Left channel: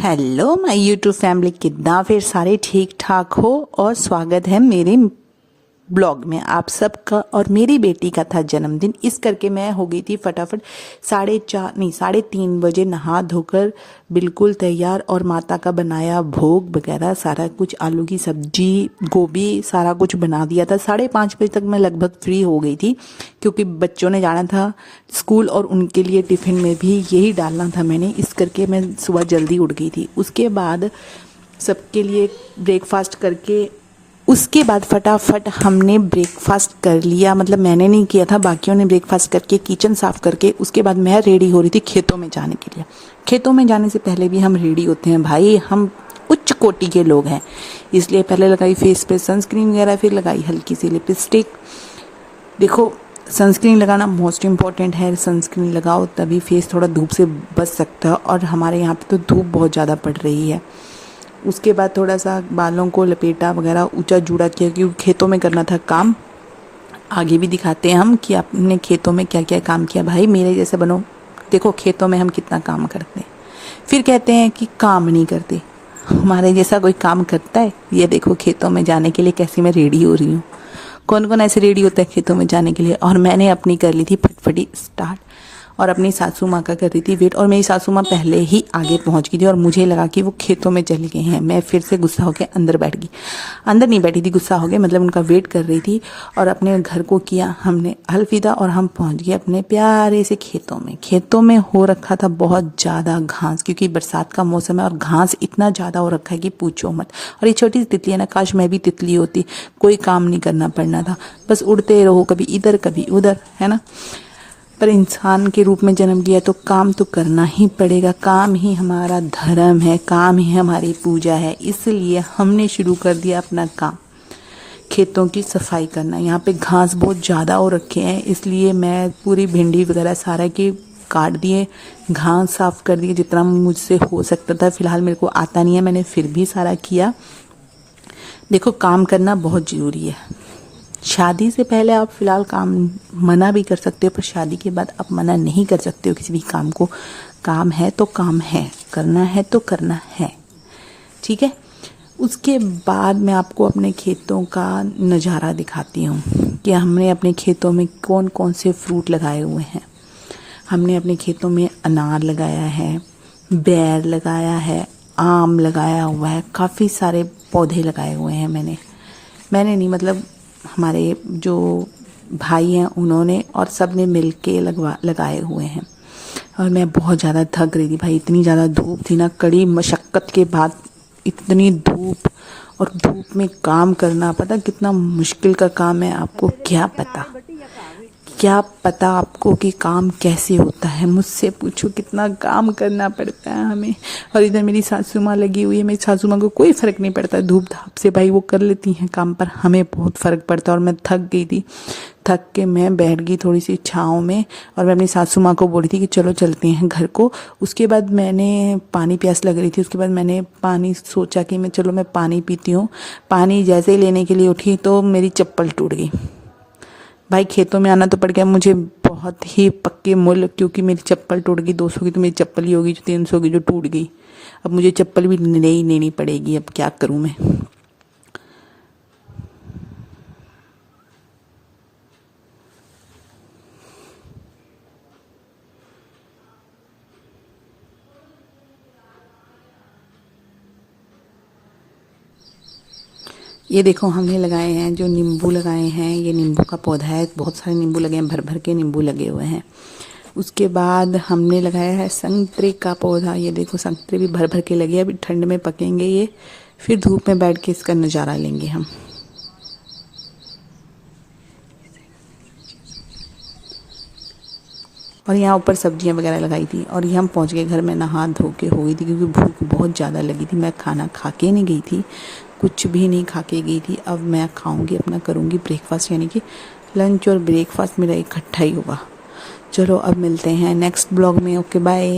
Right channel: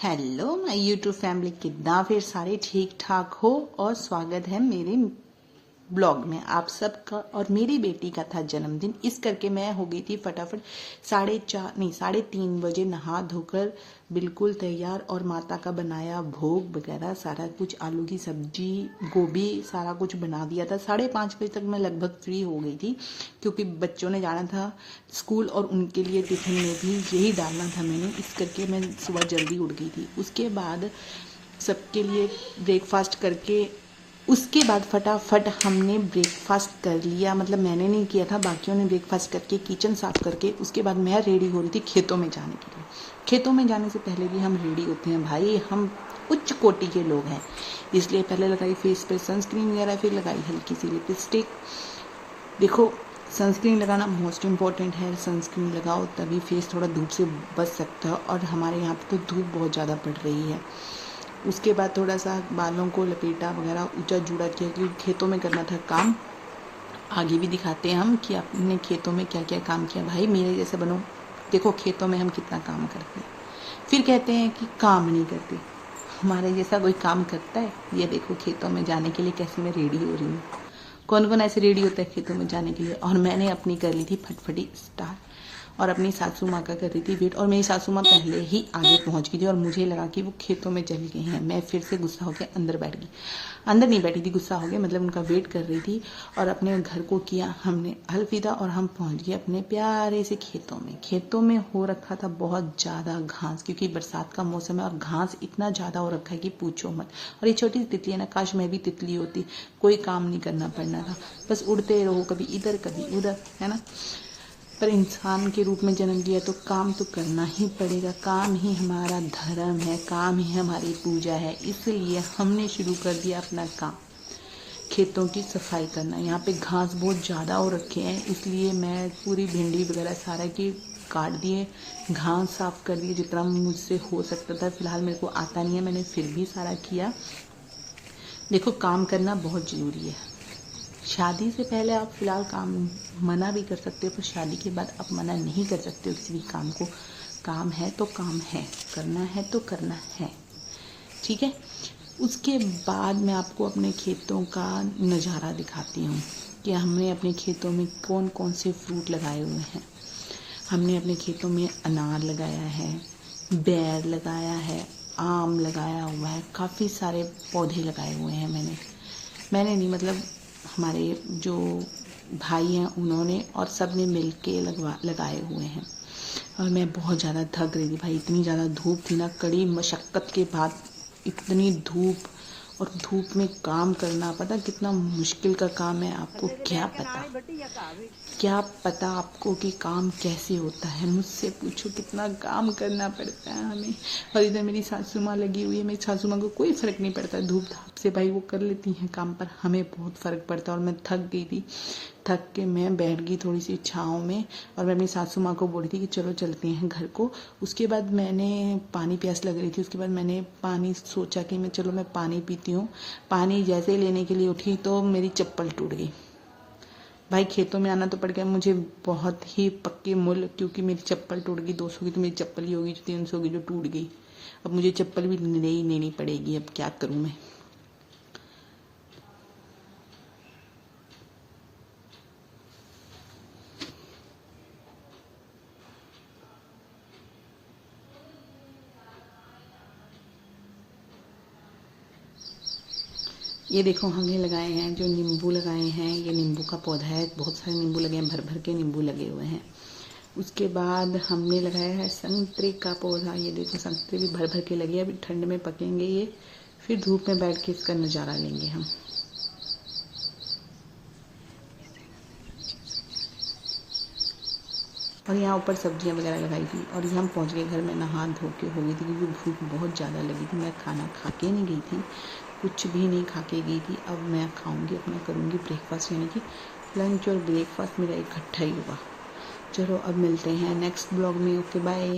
Hello my YouTube family, कितना फिर सारे ठीक ठाक हो और स्वागत है मेरे ब्लॉग में आप सबका। और मेरी बेटी का था जन्मदिन, इस करके मैं हो गई थी फटाफट 3:30 बजे नहा धोकर बिल्कुल तैयार, और माता का बनाया भोग वगैरह सारा कुछ, आलू की सब्जी, गोभी, सारा कुछ बना दिया था। 5:30 बजे तक मैं लगभग फ्री हो गई थी, क्योंकि बच्चों ने जाना था स्कूल और उनके लिए टिफ़िन में भी यही डालना था मैंने, इस करके मैं सुबह जल्दी उठ गई थी। उसके बाद सबके लिए ब्रेकफास्ट करके उसके बाद फटाफट हमने ब्रेकफास्ट कर लिया, मतलब मैंने नहीं किया था, बाकियों ने ब्रेकफास्ट करके किचन साफ़ करके उसके बाद मैं रेडी हो रही थी खेतों में जाने के लिए। खेतों में जाने से पहले भी हम रेडी होते हैं भाई, हम उच्च कोटि के लोग हैं, इसलिए पहले लगाई फेस पे सनस्क्रीन वगैरह, फिर लगाई हल्की सी लिपस्टिक। देखो, सनस्क्रीन लगाना मोस्ट इम्पॉर्टेंट है, सनस्क्रीन लगाओ तभी फेस थोड़ा धूप से बच सकता है, और हमारे यहाँ पे तो धूप बहुत ज़्यादा पड़ रही है। उसके बाद थोड़ा सा बालों को लपेटा वगैरह, ऊंचा जूड़ा किया, क्योंकि खेतों में करना था काम। आगे भी दिखाते हैं हम कि आपने खेतों में क्या क्या काम किया। भाई मेरे जैसे बनो, देखो खेतों में हम कितना काम करते हैं, फिर कहते हैं कि काम नहीं करते। हमारे जैसा कोई काम करता है? ये देखो खेतों में जाने के लिए कैसे मैं रेडी हो रही हूँ। कौन कौन ऐसे रेडी होता है खेतों में जाने के लिए? और मैंने अपनी कर ली थी फटफटी स्टार्ट, और अपनी सासू माँ का कर रही थी वेट, और मेरी सासू माँ पहले ही आगे पहुँच गई थी, और मुझे लगा कि वो खेतों में चले गए हैं। मैं फिर से गुस्सा होकर अंदर बैठ गई, अंदर नहीं बैठी थी, गुस्सा हो गया, मतलब उनका वेट कर रही थी। और अपने घर को किया हमने अलविदा, और हम पहुँच गए अपने प्यारे से खेतों में। खेतों में हो रखा था बहुत ज़्यादा घास, क्योंकि बरसात का मौसम है और घास इतना ज़्यादा हो रखा है कि पूछो मत। और ये छोटी सी तितली है ना, काश मैं भी तितली होती, कोई काम नहीं करना पड़ना था, बस उड़ते रहो, कभी इधर कभी उधर, है ना। पर इंसान के रूप में जन्म लिया तो काम तो करना ही पड़ेगा, काम ही हमारा धर्म है, काम ही हमारी पूजा है, इसलिए हमने शुरू कर दिया अपना काम, खेतों की सफाई करना। यहाँ पे घास बहुत ज़्यादा हो रखे हैं, इसलिए मैं पूरी भिंडी वगैरह सारा की काट दिए, घास साफ़ कर दिए जितना मुझसे हो सकता था। फ़िलहाल मेरे को आता नहीं है, मैंने फिर भी सारा किया। देखो, काम करना बहुत ज़रूरी है। शादी से पहले आप फ़िलहाल काम मना भी कर सकते हो, पर शादी के बाद आप मना नहीं कर सकते हो किसी भी काम को। काम है तो काम है, करना है तो करना है, ठीक है। उसके बाद मैं आपको अपने खेतों का नज़ारा दिखाती हूँ कि हमने अपने खेतों में कौन कौन से फ्रूट लगाए हुए हैं। हमने अपने खेतों में अनार लगाया है, बेर लगाया है, आम लगाया हुआ है, काफ़ी सारे पौधे लगाए हुए हैं मैंने नहीं, मतलब हमारे जो भाई हैं उन्होंने, और सब ने मिल के लगाए हुए हैं। और मैं बहुत ज़्यादा थक रही थी भाई, इतनी ज़्यादा धूप थी ना, कड़ी मशक्क़त के बाद इतनी धूप, और धूप में काम करना पता कितना मुश्किल का काम है। आपको क्या पता आपको कि काम कैसे होता है? मुझसे पूछो कितना काम करना पड़ता है हमें। और इधर मेरी सासू माँ लगी हुई है, मेरी सासू माँ को कोई फ़र्क नहीं पड़ता धूप धाप से, भाई वो कर लेती हैं काम, पर हमें बहुत फ़र्क पड़ता है। और मैं थक गई थी, थक के मैं बैठ गई थोड़ी सी छाँव में, और मैं अपनी सासू माँ को बोली थी कि चलो चलते हैं घर को। उसके बाद मैंने पानी, प्यास लग रही थी, उसके बाद मैंने पानी सोचा कि मैं पानी पीती हूँ। पानी जैसे ही लेने के लिए उठी तो मेरी चप्पल टूट गई। भाई खेतों में आना तो पड़ गया मुझे बहुत ही पक्के मुल, क्योंकि मेरी चप्पल टूट गई। 200 की तो मेरी चप्पल ही होगी, जो 300 की जो टूट गई। अब मुझे चप्पल भी नई लेनी पड़ेगी, अब क्या करूँ मैं। ये देखो, हमने लगाए हैं जो नींबू लगाए हैं, ये नींबू का पौधा है, बहुत सारे नींबू लगे हैं, भर भर के नींबू लगे हुए हैं। उसके बाद हमने लगाया है संतरे का पौधा, ये देखो संतरे भी भर भर के लगे हैं, अभी ठंड में पकेंगे ये, फिर धूप में बैठ के इसका नज़ारा लेंगे हम। और यहाँ ऊपर सब्जियाँ वगैरह लगाई थी, और ये हम पहुँच गए घर में, नहा धो के हो गई थी, क्योंकि भूख बहुत ज़्यादा लगी थी। मैं खाना खा के नहीं गई थी, कुछ भी नहीं खा के गई थी। अब मैं खाऊंगी, अपना करूँगी ब्रेकफास्ट, यानी कि लंच और ब्रेकफास्ट मेरा इकट्ठा ही होगा। चलो अब मिलते हैं नेक्स्ट ब्लॉग में। Okay bye.